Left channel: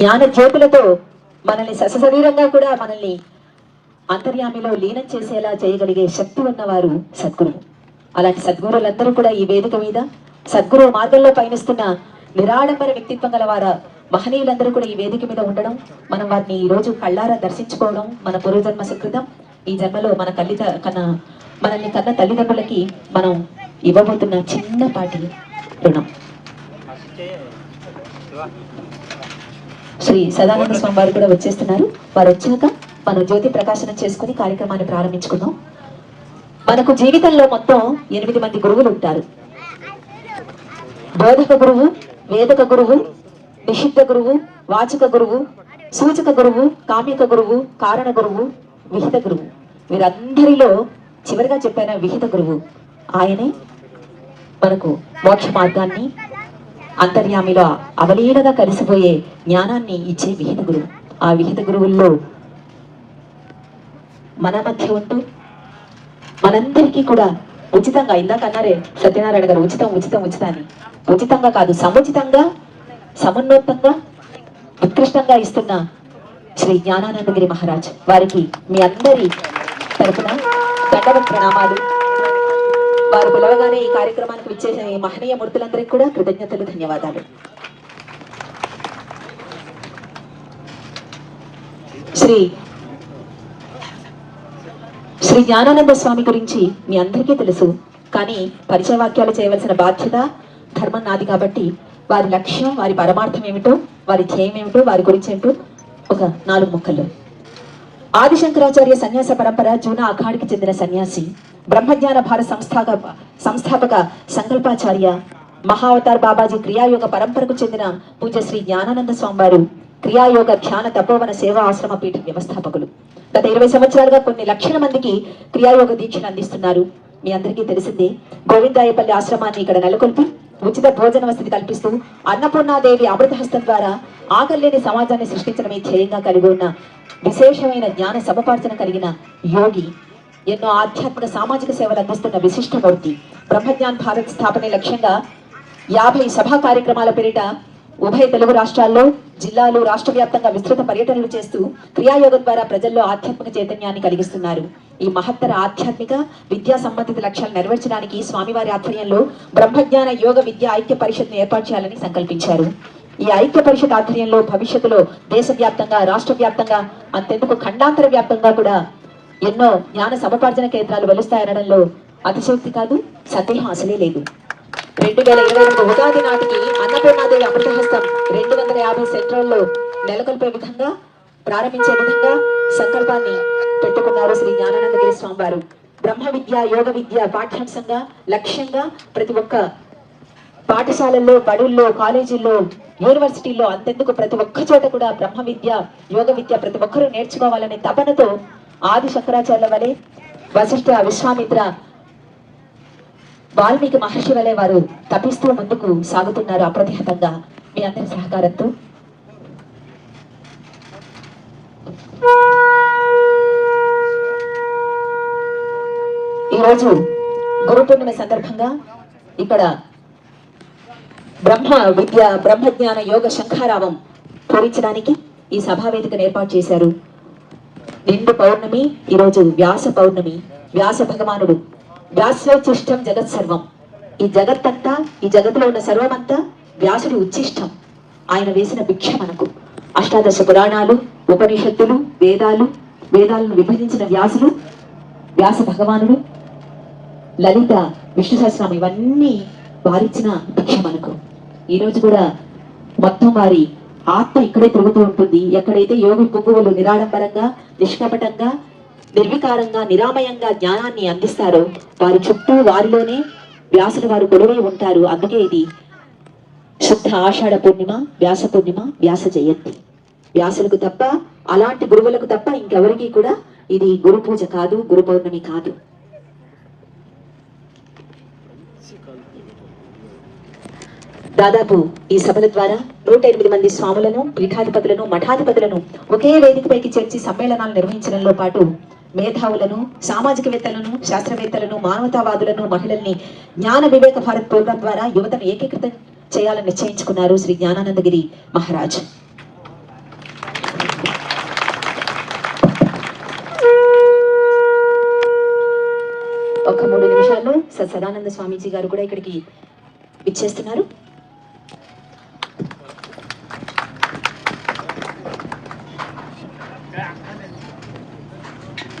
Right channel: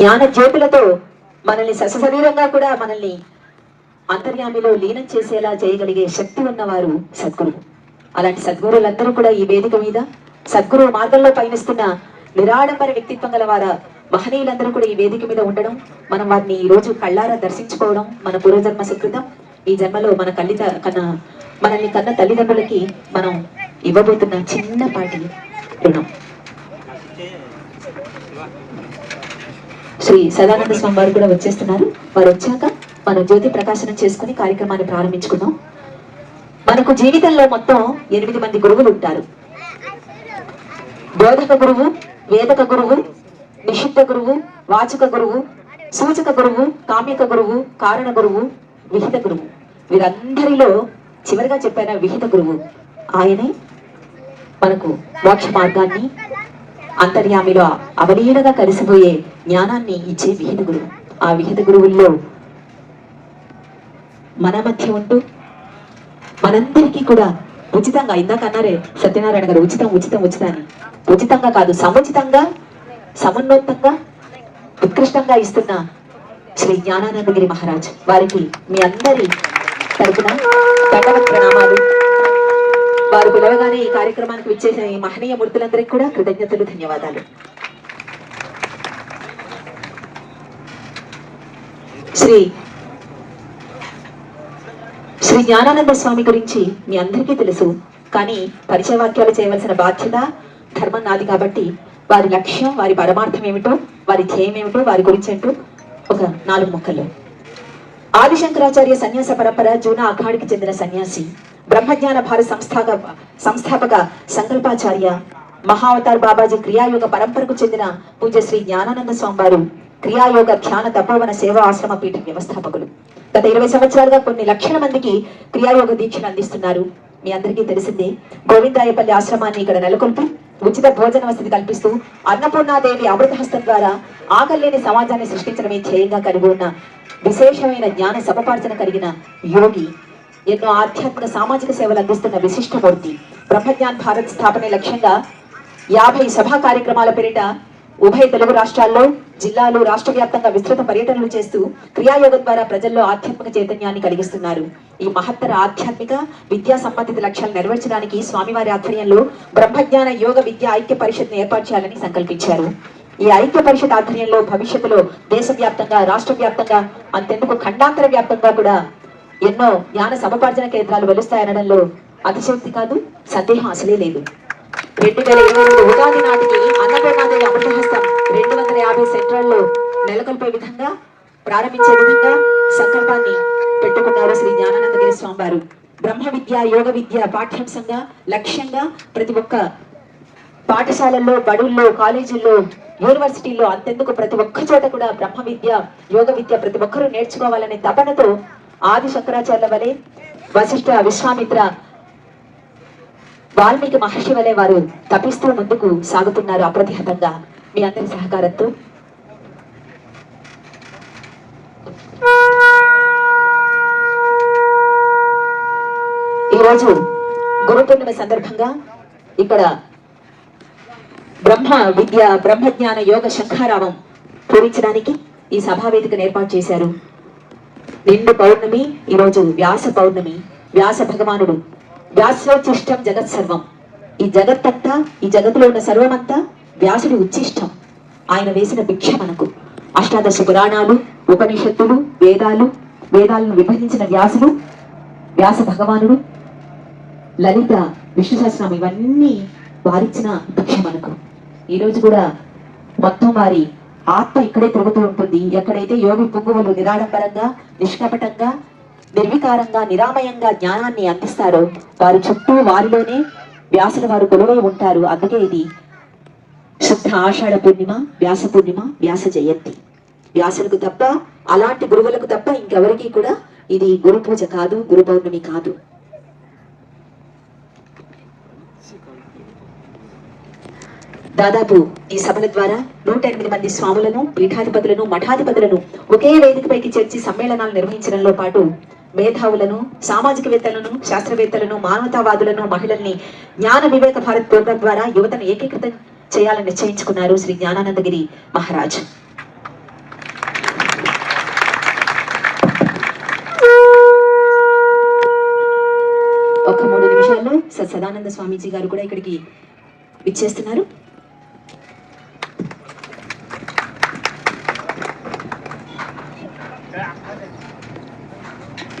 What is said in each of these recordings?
జ్ఞాన జ్యోతులతో మనల్ని సశరీరంగా కూడా మనల్ని అంతర్యామిలో లీనం చేసేలా చేయగలిగే శక్తి ఉన్నవారు సద్గురు. అలాంటి సద్గురులందరూ కూడా ఈ వేదిక మీద సద్గురు మార్గంలో పయనిస్తున్న నిరాడంబర వ్యక్తిత్వం గల వార మహనీయులందరూ కూడా ఈ వేదిక మీద ఉండడం, మనం వారిని ఈ రోజు కళ్ళారా దర్శించుకోవడం మన పూర్వజన్మ సుకృతం. ఈ జన్మలో మన మనల్ని కన్న తల్లిదండ్రులకి మనం ఇవ్వబోతున్న చిన్నపాటి రుణం. శ్రీ సదానంద స్వామి వారు కూడా వచ్చేస్తున్నారు. వారు వచ్చాక మనం జ్యోతి ప్రకాశనం చేసుకుని కార్యక్రమాన్ని ప్రారంభించుకుందాం. మనకు జీవితంలో మొత్తం 8 మంది గురువులు ఉంటారు. బోధక గురువు, వేదక గురువు, నిషిద్ధ గురువు, వాచక గురువు, సూచక గురువు, కామ్యక గురువు, కారణ గురువు, విహిత గురువు. వీరందరిలో చివరిగా చెప్పిన విహిత గురువు ఆయనే మనకు మోక్ష మార్గాన్ని అంతర్యామిలో అవలీలగా కలిసిపోయే జ్ఞానాన్ని ఇచ్చే విహిత గురువు. ఆ విహిత గురువుల్లో మన మధ్య ఉంటూ మనందరికీ కూడా ఉచితంగా, ఇందాక అన్నారే సత్యనారాయణ గారు, ఉచితం ఉచితం ఉచితాన్ని, ఉచితంగా కాదు సముచితంగా సమున్నతంగా ఉత్కృష్టంగా ఇస్తున్న శ్రీ జ్ఞానానందగిరి మహారాజ్ వారికి మీ అందరి తరపున దండవత్ ప్రణామాలు. వారు పిలవగానే ఈ కార్యక్రమానికి విచ్చేసిన ఈ మహనీయ మూర్తులందరికీ కూడా కృతజ్ఞతలు, ధన్యవాదాలు. శ్రీ జ్ఞానానంద స్వామి గురించి మీ అందరికీ తెలుసు. కానీ పరిచయ వాక్యాలు చేయవలసిన బాధ్యత, ధర్మం నాది కాబట్టి వారి లక్ష్యం, వారి పరమార్థం ఏమిటో, వారి ధ్యేయం ఏమిటో, వారి గురించి ఏంటో ఒక 4 ముక్కల్లో. ఆదిశంకరాచార్య సన్యాస పరంపర జూనా అఖాడికి చెందిన సన్యాసి, బ్రహ్మజ్ఞాన భారత సంస్థాపక సంకల్పాచార్య, మహావతార్ బాబాజీ క్రియాయోగ పరంపరకు చెందిన పూజ్య శ్రీ జ్ఞానానంద స్వామి వారు క్రియాయోగ ధ్యాన తపోవన సేవా ఆశ్రమ పీఠ వ్యవస్థాపకులు. గత 20 సంవత్సరాలుగా కొన్ని లక్షల మందికి క్రియాయోగ దీక్షను అందిస్తున్నారు. మీ అందరికీ తెలిసింది. గోవిందాయపల్లి ఆశ్రమాన్ని ఇక్కడ నెలకొల్పి ఉచిత భోజన వసతి కల్పిస్తూ అన్నపూర్ణాదేవి అమృతహస్తం ద్వారా ఆకలేని సమాజాన్ని సృష్టించడమే ధ్యేయంగా కలిగి ఉన్న విశేషమైన జ్ఞాన సముపార్జన కలిగిన యోగి, ఎన్నో ఆధ్యాత్మిక సామాజిక సేవలు అందిస్తున్న విశిష్టమూర్తి. బ్రహ్మజ్ఞాన్ భారత్ స్థాపనే లక్ష్యంగా 50 సభా కార్యక్రమాల పేరిట ఉభయ తెలుగు రాష్ట్రాల్లో, జిల్లాలు, రాష్ట్ర వ్యాప్తంగా విస్తృత పర్యటనలు చేస్తూ క్రియాయోగం ద్వారా ప్రజల్లో ఆధ్యాత్మిక చైతన్యాన్ని కలిగిస్తున్నారు. ఈ మహత్తర ఆధ్యాత్మిక విద్యా సంబంధిత లక్ష్యాలు నెరవేర్చడానికి స్వామివారి ఆధ్వర్యంలో బ్రహ్మజ్ఞాన యోగ విద్యా ఐక్య పరిషత్ను ఏర్పాటు చేయాలని సంకల్పించారు. ఈ ఐక్య పరిషత్ ఆధ్వర్యంలో భవిష్యత్తులో దేశవ్యాప్తంగా, రాష్ట్ర వ్యాప్తంగా, అంతెందుకు ఖండాంతర వ్యాప్తంగా కూడా ఎన్నో జ్ఞాన సముపార్జన కేంద్రాలు వెలుస్తాయనడంలో అతిశయోక్తి కాదు, సందేహం అసలే లేదు. 2022 ఉగాది నాటికి అన్నపూర్ణాదేవి అమృతహస్తం 250 సెంటర్లలో నెలకొల్పే విధంగా, ప్రారంభించే విధంగా సంకల్పాన్ని పెట్టుకున్నారు శ్రీ జ్ఞానానందగిరి స్వామి వారు. బ్రహ్మ విద్య, యోగ విద్య పాఠ్యాంశంగా, లక్ష్యంగా ప్రతి ఒక్క పాఠశాలల్లో, బడుల్లో, కాలేజీల్లో, యూనివర్సిటీల్లో, అంతెందుకు ప్రతి ఒక్క చోట కూడా బ్రహ్మ విద్య, యోగ విద్య ప్రతి ఒక్కరూ నేర్చుకోవాలనే తపనతో ఆది శంకరాచార్యుల వలె, వశిష్ఠ, విశ్వామిత్ర, వాల్మీకి మహర్షి వలె వారు తపిస్తూ ముందుకు సాగుతున్నారు అప్రతిహతంగా. మీ అందరి సహకారంతో ఈరోజు గురు పూర్ణిమ సందర్భంగా ఇక్కడ బ్రహ్మజ్ఞాన యోగ శంఖారావం పూరించడానికి ఈ సభావేదికను ఏర్పాటు చేశారు. నిండు పౌర్ణమి, ఈరోజు వ్యాస పౌర్ణమి. వ్యాస భగవానుడు వ్యాసోచ్చిష్టం జగత్ సర్వం, ఈ జగత్తంతా, ఈ జగత్తులో ఉన్న సర్వమంతా వ్యాసుడి ఉచ్చిష్టం. ఆయన వేసిన భిక్ష మనకు. అష్టాదశ పురాణాలు, ఉపనిషత్తులు, వేదాలను విభజించిన వ్యాస భగవానుడు, లలిత, విష్ణు సహస్రనామం, ఇవన్నీ వారిచ్చిన భిక్ష మనకు. ఈరోజు కూడా మొత్తం వారి ఆత్మ ఇక్కడే తిరుగుతూ ఉంటుంది. ఎక్కడైతే యోగి పుంగువులు నిరాడంబరంగా, నిష్కపటంగా, నిర్వికారంగా, నిరామయంగా జ్ఞానాన్ని అందిస్తారో వారి చుట్టూ, వారిలోనే వ్యాసుల వారు కొలువై ఉంటారు. అందుకే ఇది శుద్ధ ఆషాఢ పూర్ణిమ, వ్యాస పూర్ణిమ, వ్యాస జయంతి. వ్యాసులకు తప్ప, అలాంటి గురువులకు తప్ప ఇంకెవరికి కూడా ఇది గురు పూజ కాదు, గురు పౌర్ణమి కాదు. దాదాపు ఈ సభల ద్వారా 108 మంది స్వాములను, పీఠాధిపతులను, మఠాధిపతులను ఒకే వేదికపైకి చేర్చి సమ్మేళనాలు నిర్వహించడంలో పాటు మేధావులను, సామాజికవేత్తలను, శాస్త్రవేత్తలను, మానవతావాదులను, మహిళల్ని జ్ఞాన వివేక భారత్ ప్రోగ్రాం ద్వారా యువతను ఏకీకృతం చేయాలని నిశ్చయించుకున్నారు శ్రీ జ్ఞానానందగిరి మహారాజ్. సదానంద స్వామీజీ గారు కూడా ఇక్కడికి విచ్చేస్తున్నారు.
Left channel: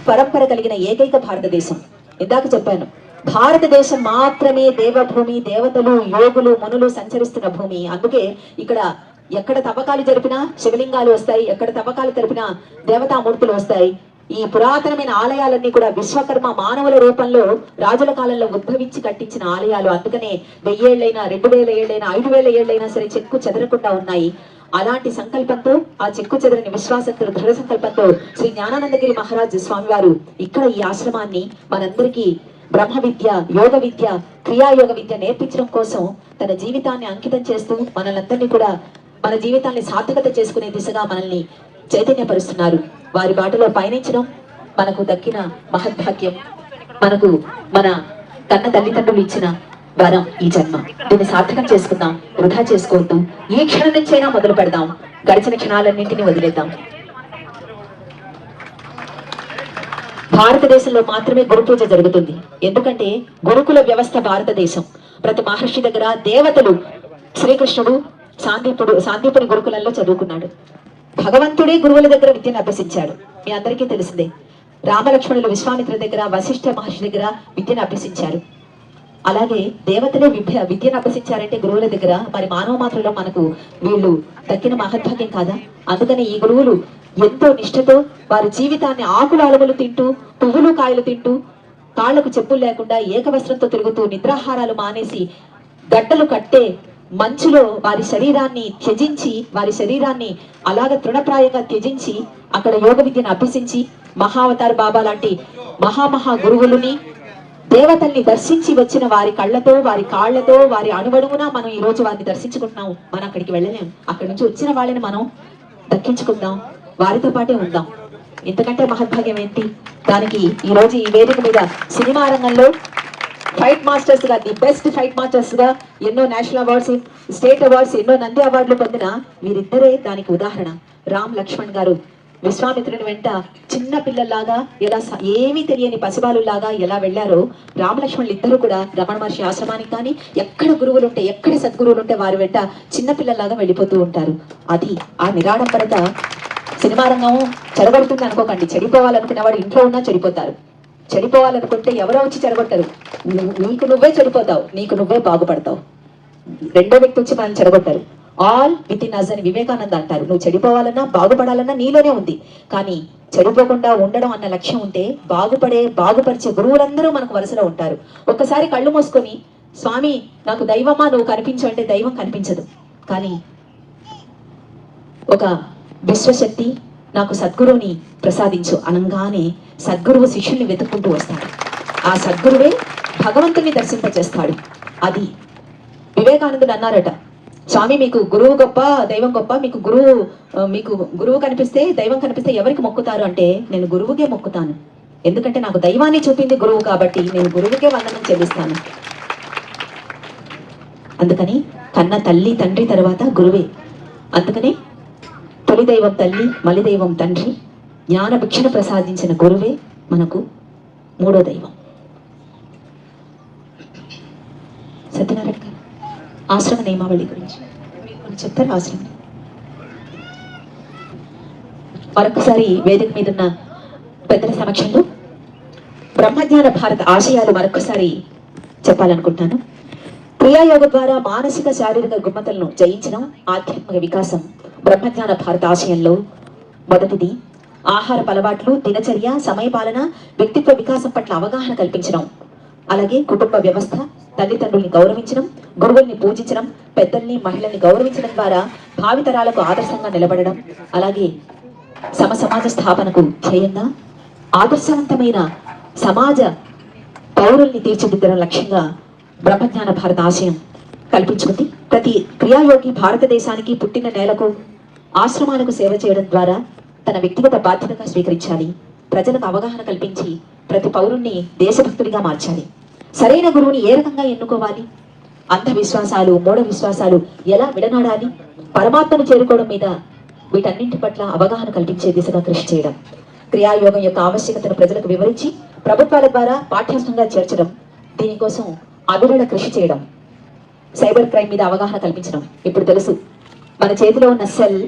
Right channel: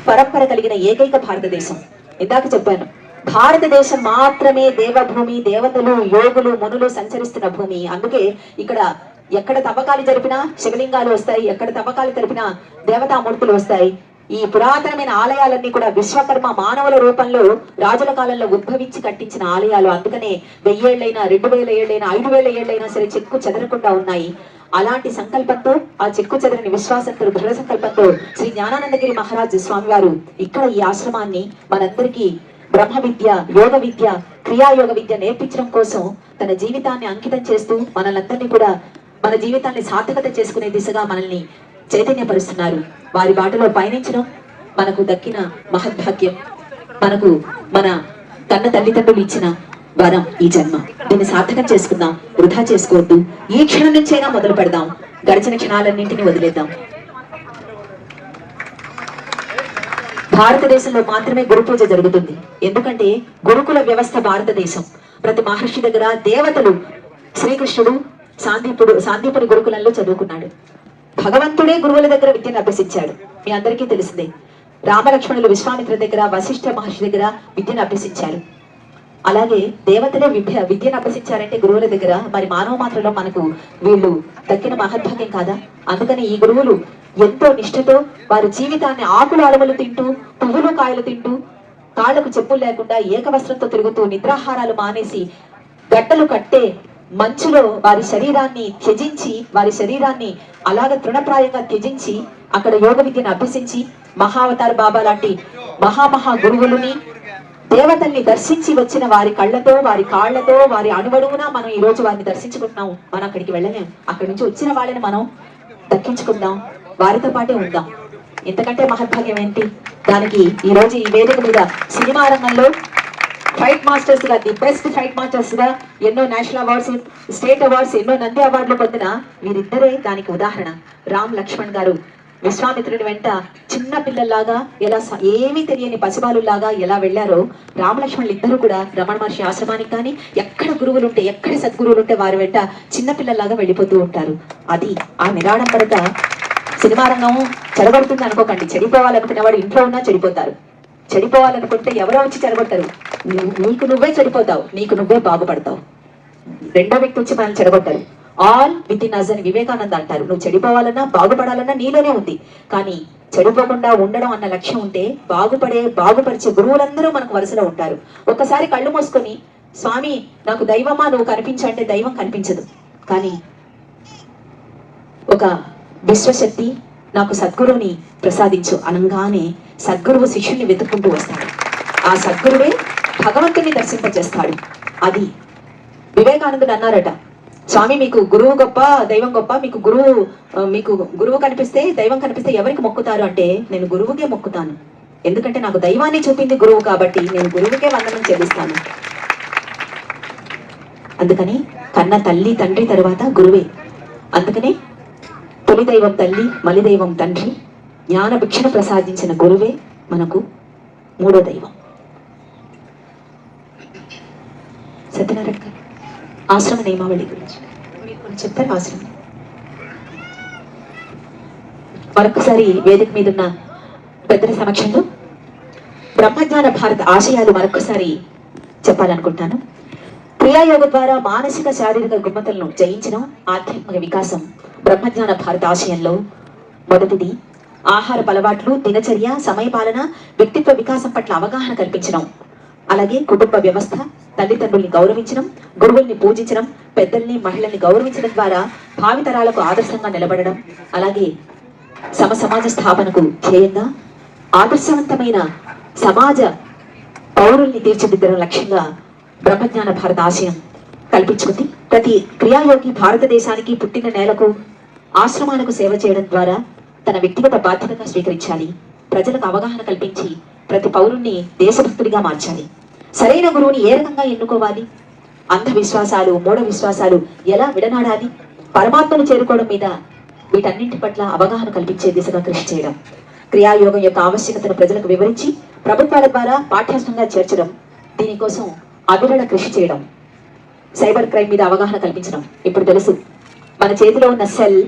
పరంపర కలిగిన ఏకైక భారతదేశం. ఇందాక చెప్పాను, భారతదేశం మాత్రమే దేవభూమి, దేవతలు, యోగులు, మునులు సంచరిస్తున్న భూమి. అందుకే ఇక్కడ ఎక్కడ తవ్వకాలు జరిపినా శివలింగాలు వస్తాయి, ఎక్కడ తవ్వకాలు జరిపినా దేవతామూర్తులు వస్తాయి. ఈ పురాతనమైన ఆలయాలన్నీ కూడా విశ్వకర్మ మానవుల రూపంలో రాజుల కాలంలో ఉద్భవించి కట్టించిన ఆలయాలు. అందుకనే 1000 ఏళ్ళైనా 2000 ఏళ్ళైనా 5000 ఏళ్ళైనా సరే చెక్కు చెదరకుండా ఉన్నాయి. అలాంటి సంకల్పంతో, ఆ చెక్కు చెదరని విశ్వాసంతో, దృఢ సంకల్పంతో శ్రీ జ్ఞానానందగిరి మహారాజ్ స్వామి వారు ఇక్కడ ఈ ఆశ్రమాన్ని మనందరికీ బ్రహ్మ విద్య, యోగ విద్య, క్రియాయోగ విద్య నేర్పించడం కోసం తన జీవితాన్ని అంకితం చేస్తూ మనలందరినీ కూడా మన జీవితాన్ని సార్థకత చేసుకునే దిశగా మనల్ని చైతన్యపరుస్తున్నారు. వారి బాటలో పయనించడం మనకు దక్కిన మహద్భాగ్యం. మనకు మన కన్న తల్లిదండ్రులు ఇచ్చిన వరం ఈ జన్మ. దీన్ని సార్థకం చేసుకుందాం, వృధా చేసుకోవద్దు. ఈ క్షణం నుంచైనా మొదలు పెడదాం, గడిచిన క్షణాలన్నింటినీ వదిలేద్దాం. భారతదేశంలో మాత్రమే గురు పూజ జరుగుతుంది. ఎందుకంటే గురుకుల వ్యవస్థ భారతదేశం. ప్రతి మహర్షి దగ్గర దేవతలు, శ్రీకృష్ణుడు సాందీపుని గురుకులంలో చదువుకున్నాడు. భగవంతుడే గురువుల దగ్గర విద్యను అభ్యసించాడు. మీ అందరికీ తెలిసిందే. రామలక్ష్మణులు విశ్వామిత్ర దగ్గర, వశిష్ఠ మహర్షి దగ్గర విద్యను అభ్యసించారు. అలాగే దేవతలే విద్యను అభ్యసించారంటే గురువుల దగ్గర, మరి మానవ మాత్రలో మనకు వీళ్ళు దక్కిన మహద్భాగ్యం కాదా? అందుకని ఈ గురువులు ఎంతో నిష్ఠతో వారి జీవితాన్ని ఆకులు అలములు తింటూ, పువ్వులు కాయలు తింటూ, కాళ్లకు చెప్పులు లేకుండా ఏకవస్త్రంతో తిరుగుతూ, నిద్రాహారాలు మానేసి, గడ్డలు కట్టే మంచులో వారి శరీరాన్ని త్యజించి, వారి శరీరాన్ని అలాగ తృణప్రాయంగా త్యజించి అక్కడ యోగ విద్యను అభ్యసించి మహావతార్ బాబా లాంటి మహామహా గురువులని, దేవతల్ని దర్శించి వచ్చిన వారి కళ్ళతో, వారి కాళ్లతో, వారి అణువడుగునా మనం ఈ రోజు వారిని దర్శించుకుంటున్నాం. మనం అక్కడికి వెళ్ళలేం. అక్కడి నుంచి వచ్చిన వాళ్ళని మనం దక్కించుకుందాం, వారితో పాటే ఉందాం. ఎంతకంటే మహద్భాగ్యం ఏంటి? దానికి ఈ రోజు ఈ వేదిక మీద సినిమా రంగంలో ఫైట్ మాస్టర్స్ గా, ది బెస్ట్ ఫైట్ మాస్టర్స్ గా ఎన్నో నేషనల్ అవార్డ్స్, స్టేట్ అవార్డ్స్, ఎన్నో నంది అవార్డులు పొందిన వీరిద్దరే దానికి ఉదాహరణ. రామ్ లక్ష్మణ్ గారు విశ్వామిత్రుని వెంట చిన్న పిల్లల్లాగా, ఎలా ఏమీ తెలియని పసిబాలులాగా ఎలా వెళ్లారో, రామలక్ష్మణులు ఇద్దరు కూడా రమణ మహర్షి ఆశ్రమానికి కానీ, ఎక్కడ గురువులుంటే, ఎక్కడ సద్గురువులు ఉంటే వారి వెంట చిన్న పిల్లల్లాగా వెళ్ళిపోతూ ఉంటారు. అది ఆ నిరాడంబరత. సినిమా రంగం చెడగొడుతుంది అనుకోకండి. చెడిపోవాలనుకునే వాడు ఇంట్లో ఉన్నా చెడిపోతారు. చెడిపోవాలనుకుంటే ఎవరో వచ్చి చెడగొడతారు. నీకు నువ్వే చెడిపోతావు, నీకు నువ్వే బాగుపడతావు. రెండో వ్యక్తి వచ్చి మనం చెడగొట్టారు. ఆల్ విత్ ఇన్ అస్ అని వివేకానంద అంటారు. నువ్వు చెడిపోవాలన్నా బాగుపడాలన్నా నీలోనే ఉంది. కానీ చెడిపోకుండా ఉండడం అన్న లక్ష్యం ఉంటే బాగుపరిచే గురువులందరూ మనకు వరుసలో ఉంటారు. ఒక్కసారి కళ్ళు మూసుకొని స్వామి నాకు దైవమా నువ్వు కనిపించంటే దైవం కనిపించదు. కానీ ఒక విశ్వశక్తి నాకు సద్గురువుని ప్రసాదించు అనగానే సద్గురువు శిష్యుల్ని వెతుక్కుంటూ వస్తాడు. ఆ సద్గురువే భగవంతుని దర్శింపచేస్తాడు. అది వివేకానందుడు అన్నారట, స్వామి మీకు గురువు గొప్ప, దైవం గొప్ప, మీకు గురువు కనిపిస్తే, దైవం కనిపిస్తే ఎవరికి మొక్కుతారు అంటే, నేను గురువుకే మొక్కుతాను. ఎందుకంటే నాకు దైవాన్ని చూపింది గురువు కాబట్టి నేను గురువుకే వందనం చెల్లిస్తాను. అందుకని కన్న తల్లి తండ్రి తర్వాత గురువే. అందుకనే తొలి దైవం తల్లి, మలి దైవం తండ్రి, జ్ఞాన భిక్షణ ప్రసాదించిన గురువే మనకు మూడో దైవం. సత్యనారాయణ గారు ఆశ్రమ నియమావళి గురించి చెప్తారు. ఆశ్రమం మరొకసారి వేదిక మీద ఉన్న పెద్దల సమక్షంలో బ్రహ్మజ్ఞాన భారత ఆశయాలు మరొకసారి చెప్పాలనుకుంటాను. క్రియాయోగ ద్వారా మానసిక శారీరక రుగ్మతలను జయించడం, ఆధ్యాత్మిక వికాసం బ్రహ్మజ్ఞాన భారత ఆశయంలో మొదటిది. ఆహారపు అలవాట్లు, దినచర్య, సమయపాలన, వ్యక్తిత్వ వికాసం పట్ల అవగాహన కల్పించడం. అలాగే కుటుంబ వ్యవస్థ, తల్లిదండ్రుల్ని గౌరవించడం, గురువుల్ని పూజించడం, పెద్దల్ని, మహిళల్ని గౌరవించడం ద్వారా భావితరాలకు ఆదర్శంగా నిలబడడం. అలాగే సమాజ స్థాపనకు ధ్యేయంగా ఆదర్శవంతమైన సమాజ పౌరుల్ని తీర్చిదిద్దడం లక్ష్యంగా బ్రహ్మజ్ఞాన భారత ఆశయం కల్పించుకుంది. ప్రతి క్రియాయోగి భారతదేశానికి, పుట్టిన నేలకు, ఆశ్రమాలకు సేవ చేయడం ద్వారా తన వ్యక్తిగత బాధ్యతగా స్వీకరించాలి. ప్రజలకు అవగాహన కల్పించి ప్రతి పౌరుణ్ణి దేశభక్తుడిగా మార్చాలి. సరైన గురువుని ఏ రకంగా ఎన్నుకోవాలి, అంధవిశ్వాసాలు, మూఢ విశ్వాసాలు ఎలా విడనాడాలి, పరమాత్మను చేరుకోవడం మీద వీటన్నింటి పట్ల అవగాహన కల్పించే దిశగా కృషి చేయడం, క్రియాయోగం యొక్క ఆవశ్యకతను ప్రజలకు వివరించి ప్రభుత్వాల ద్వారా పాఠ్యాంశంగా చేర్చడం, దీనికోసం అవిరళ కృషి చేయడం, సైబర్ క్రైమ్ మీద అవగాహన కల్పించడం. ఇప్పుడు తెలుసు మన చేతిలో ఉన్న సెల్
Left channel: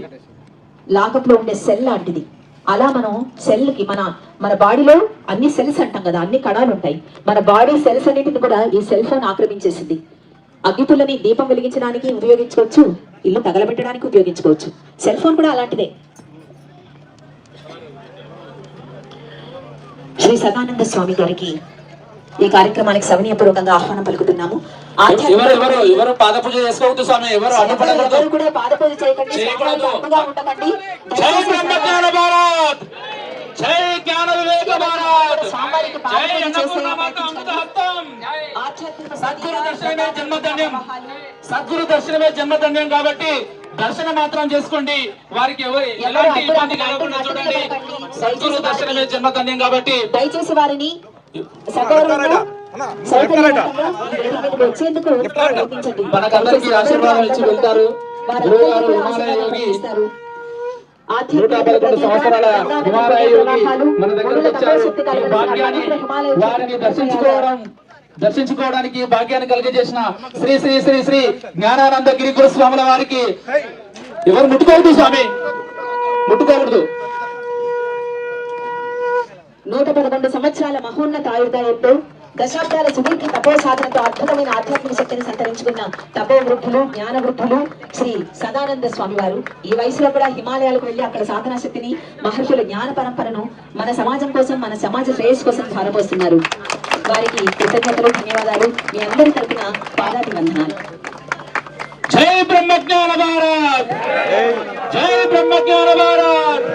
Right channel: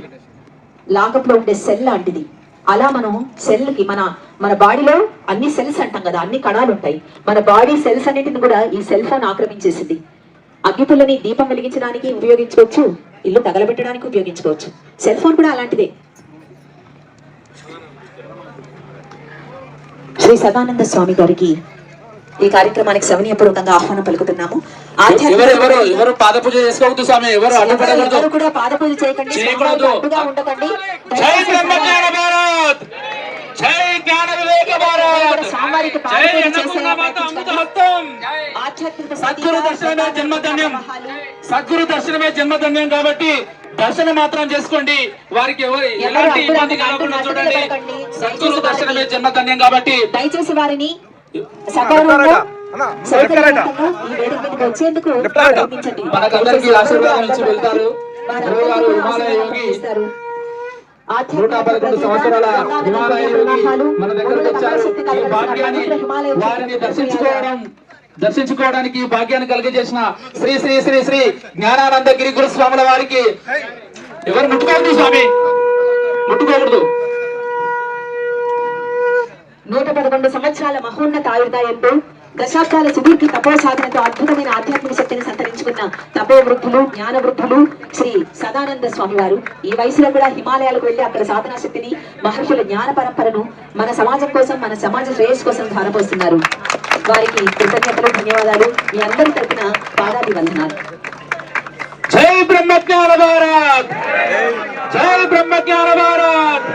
లాకప్ లో ఉండే సెల్ లాంటిది. అలా మనం సెల్ కి మన బాడీలో అన్ని సెల్స్ అంటాం కదా, అన్ని కణాలు ఉంటాయి. మన బాడీ సెల్స్ అన్నింటిని కూడా ఈ సెల్ ఫోన్ ఆక్రమించేసింది. అగ్గిపుల్లని దీపం వెలిగించడానికి ఉపయోగించుకోవచ్చు, ఇల్లు తగలబెట్టడానికి ఉపయోగించుకోవచ్చు. సెల్ ఫోన్ కూడా అలాంటిదే. శ్రీ సదానంద స్వామి గారికి ఈ కార్యక్రమానికి సవినీయపూర్వకంగా ఆహ్వానం పలుకుతున్నాము. ఎవరు పాదపూజ చేసుకోవద్దు స్వామి, ఎవరు కూడా పాదపూజ చేయకండి. జై బ్రహ్మజ్ఞాన భారత్, జై జ్ఞాన వివేక భారత్, జై సద్గురు దర్శనమే జన్మధన్యం. సద్గురు దర్శనమే జన్మధన్యం కాబట్టి దర్శనం మాత్రం చేసుకోండి. వారికి ఎలాంటి ఇబ్బంది కలగకుండా చూడండి. సద్గురు దర్శనమే జన్మధన్యం కాబట్టి దయచేసి వారిని మనకందరికీ ఆశీర్వాదం ఇచ్చి వెళ్తారు. గురువు గారు హిమాలయానికి 111 సంవత్సరాల హిమాలయ మన దగ్గరకు వచ్చారు. ఈ భాగ్యాన్ని వారిని దర్శించుకోవడానికి భాగ్యాన్ని కలిగజేసిన శ్రీ శ్రీ శ్రీ శ్రీ జ్ఞానానందగిరి గురుస్వాముల వారికి ఎవరు ముట్టుకోవద్దు స్వామి, ముట్టుకోకూడదు. 111 సంవత్సరాల మహోన్నత ఆయుర్దాయంతో దశాబ్దాల సుదీర్ఘ తపో సాధనతో అద్భుతమైన ఆధ్యాత్మిక శక్తిని సంతరించుకున్న తపో వృద్ధులు, జ్ఞాన వృద్ధులు శ్రీ సదానంద స్వామి వారు ఈ వయసులో కూడా హిమాలయాలకు వెళ్లి అక్కడ సాధనా శక్తిని, మహర్షుల జ్ఞాన పరంపరను మన సమాజం కోసం, మన సమాజ శ్రేయస్సు కోసం ధారపోస్తున్నారు. వారికి కృతజ్ఞతలు, ధన్యవాదాలు. మీ అందరి తరపున పాదాభివందనాలు. జై బ్రహ్మజ్ఞాన భారత్, జై బ్రహ్మజ్ఞాన భారత్,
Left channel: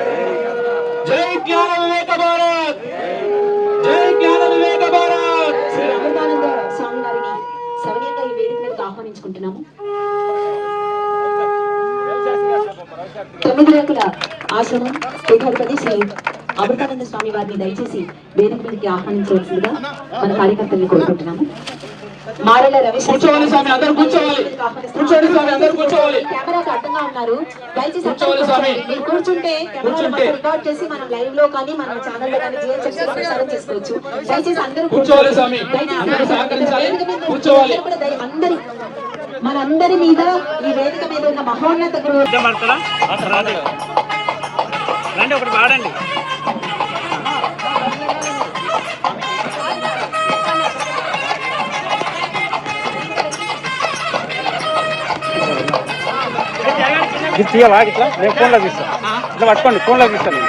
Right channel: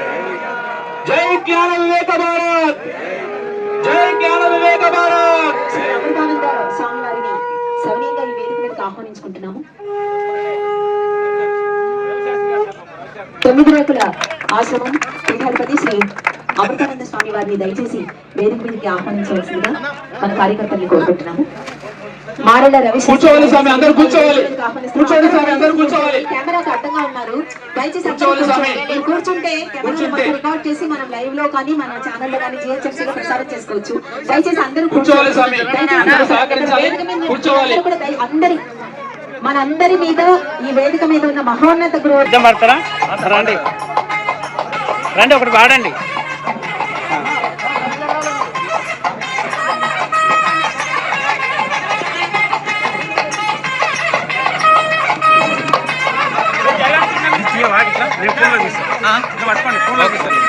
జై జ్ఞాన వివేక భారత్, జై జ్ఞాన వివేక భారత్. అమృతానంద స్వామి వారిని సౌనీయంగా ఈ వేదిక మీదకి ఆహ్వానించుకుంటున్నాము. 9 రేకుల ఆశ్రమం పీఠాధిపతి శ్రీ అమృతానంద స్వామి వారిని దయచేసి వేదిక మీదకి ఆహ్వానించవలసిందిగా మన కార్యకర్తల్ని కోరుకుంటున్నాము. మారెల కూర్చోవాలి స్వామి, అందరూ కూర్చోవాలి. కూర్చోండి స్వామి, అందరూ కూర్చోవాలి. కెమెరాకు అడ్డంగా ఉన్నారు, దయచేసి మీరు కూర్చుంటే రికార్డ్ చేసి మనం లైవ్ లో కానీ మన ఛానల్ లో కానీ GHF లో ప్రసారం చేసుకోవచ్చు. దయచేసి అందరూ కూర్చోవాలి స్వామి, కూర్చోవాలి. మనందరి మీద ఈ వేదిక మీద ఉన్న మహోన్నత గురువు రండి, ఒకటి పాడండి. తీయాలా ఇట్లా? నేను ఫోన్లో తీస్తాను, ఇట్లా పట్టుకోండి, ఫోన్లో తీస్తాను.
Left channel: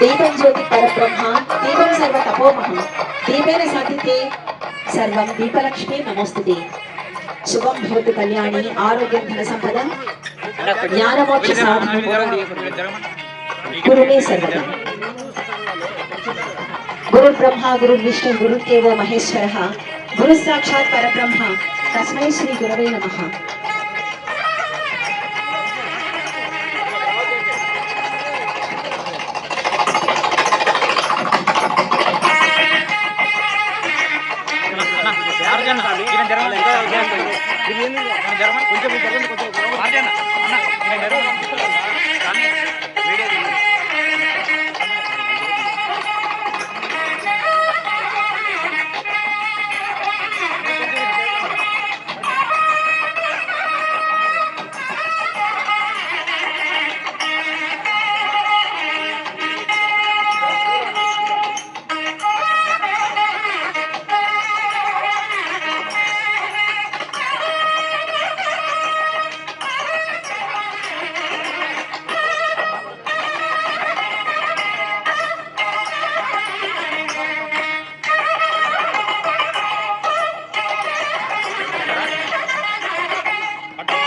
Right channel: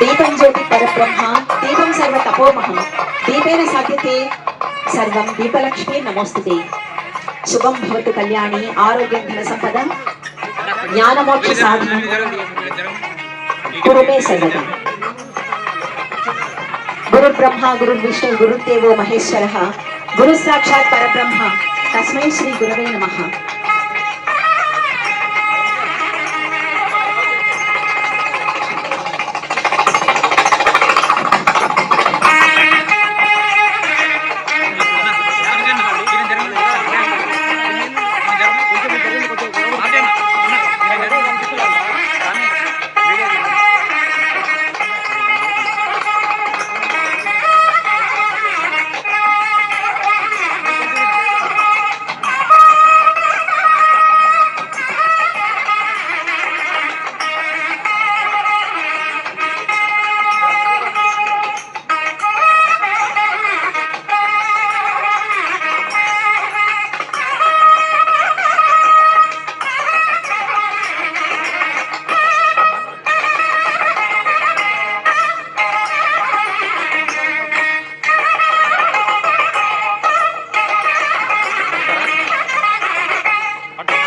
దీపం జ్యోతి పరబ్రహ్మ, దీపం సర్వ తపోమహం, దీపేన సాధ్యతే సర్వం, దీపలక్ష్మి నమోస్తుతే. శుభం భవతు కళ్యాణి, ఆరోగ్యం ధన సంపద, జ్ఞానమోక్ష సాధన కురుమే సర్వదా. గురు బ్రహ్మ గురు విష్ణు గురుదేవో మహేశ్వరః, గురు సాక్షాత్ పరబ్రహ్మ, తస్మై శ్రీ గురవే నమః.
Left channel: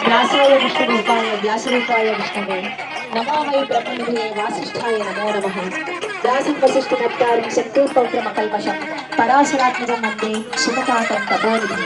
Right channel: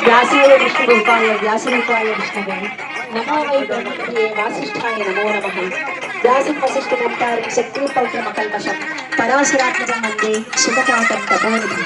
వ్యాసేన విష్ణురూపాయ వ్యాసరూపాయ విష్ణువే నమో వై బ్రహ్మణే వాసిష్ఠాయ నమో నమః వ్యాసం వసిష్ఠ భక్తారం శక్తోపక్రమ కల్మషం పరాశరాత్మజం వందే సుగతాతం తపోనిధి